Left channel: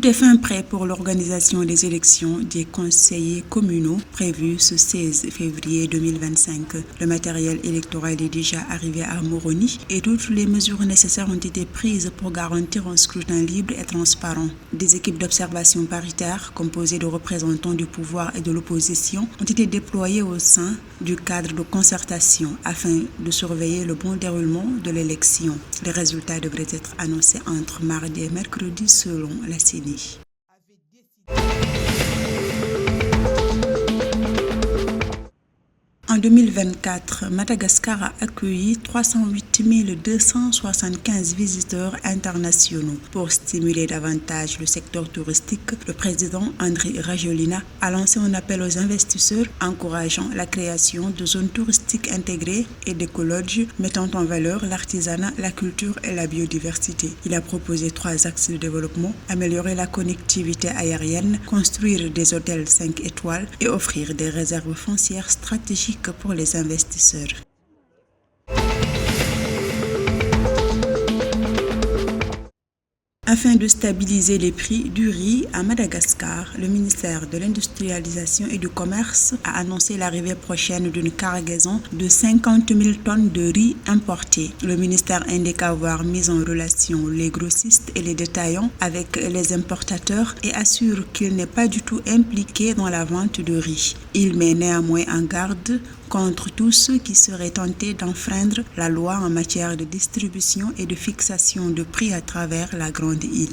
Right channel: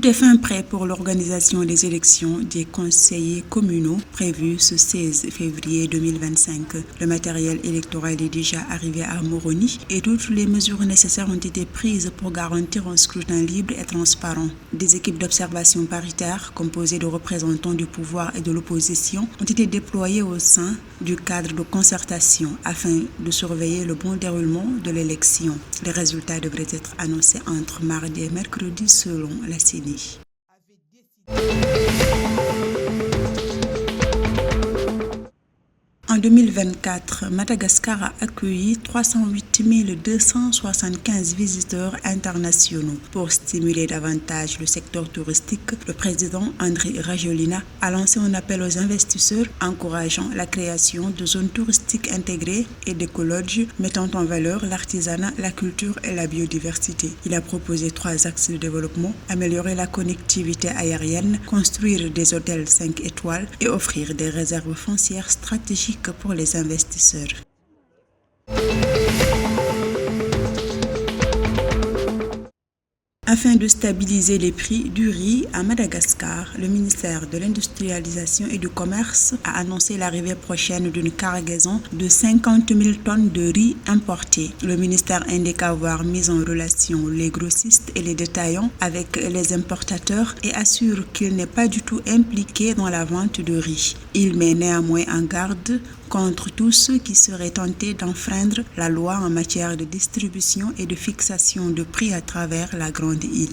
Tout est fin prêt pour l'organisation des élections des conseillers communaux prévues ce 16 février 2025. Le matériel électoral est déjà arrivé à Moroni et toutes les mesures nécessaires ont été prises pour garantir un scrutin libre et transparent. Des équipes d'observation paritaires composées de représentants du pouvoir et de l'opposition ont été déployées au sein du cadre de concertation afin de surveiller le bon déroulement de l'élection. Les résultats devraient être annoncés entre mardi et mercredi selon la CENI. En 2024, Madagascar a accueilli 308 275 visiteurs internationaux. Pour stimuler davantage le secteur touristique, le président Andry Rajoelina a lancé un appel aux investisseurs encourageant la création de zones touristiques intégrées et d'écologes mettant en valeur l'artisanat, la culture et la biodiversité. Il a proposé 3 axes de développement: améliorer la connectivité aérienne, construire des hôtels 5 étoiles et offrir des réserves foncières stratégiques pour les investisseurs. Afin de stabiliser les prix du riz à Madagascar, le ministère de l'Industrialisation et du Commerce a annoncé l'arrivée prochaine d'une cargaison de 50 000 tonnes de riz importé. Le ministère indique avoir mis en relation les grossistes et les détaillants avec les importateurs et assure qu'il n'est pas du tout impliqué dans la vente de riz. Il met néanmoins en garde contre tous ceux qui seraient tentés d'enfreindre la loi en matière de distribution et de fixation de prix à travers la Grande Île.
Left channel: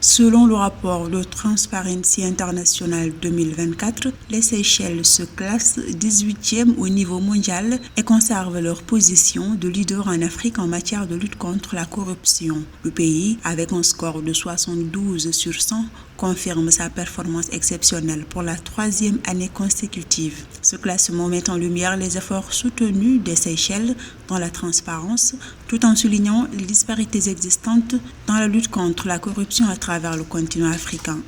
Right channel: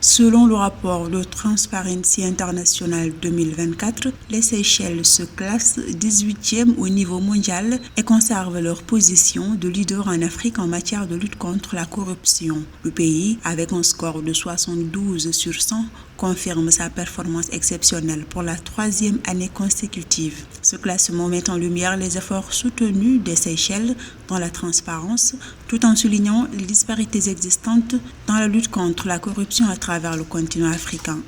Selon le rapport de Transparency International 2024, les Seychelles se classent 18e au niveau mondial et conservent leur position de leader en Afrique en matière de lutte contre la corruption. Le pays, avec un score de 72 sur 100, confirme sa performance exceptionnelle pour la 3e année consécutive. Ce classement met en lumière les efforts soutenus des Seychelles dans la transparence, tout en soulignant les disparités existantes dans la lutte contre la corruption à travers le continent africain.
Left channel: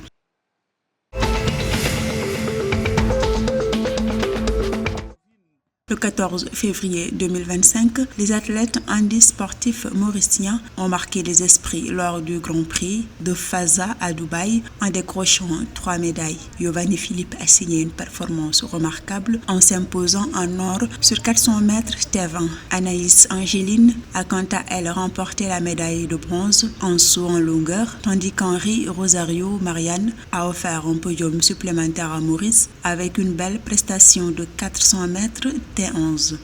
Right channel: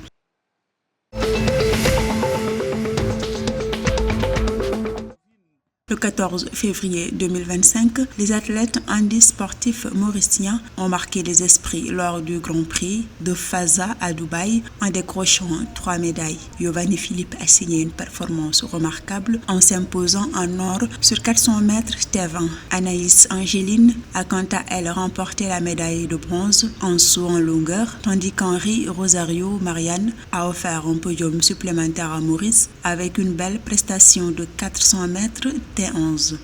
Le 14 février 2025, les athlètes handisportifs mauriciens ont marqué les esprits lors du Grand Prix de Fasa à Dubaï en décrochant 3 médailles. Giovanni Philippe a signé une performance remarquable en s'imposant en or sur 400 mètres T20. Anaïs Angéline a quant à elle remporté la médaille de bronze en saut en longueur, tandis qu'Henri Rosario Marianne a offert un podium supplémentaire à Maurice avec une belle prestation de 400 mètres T11.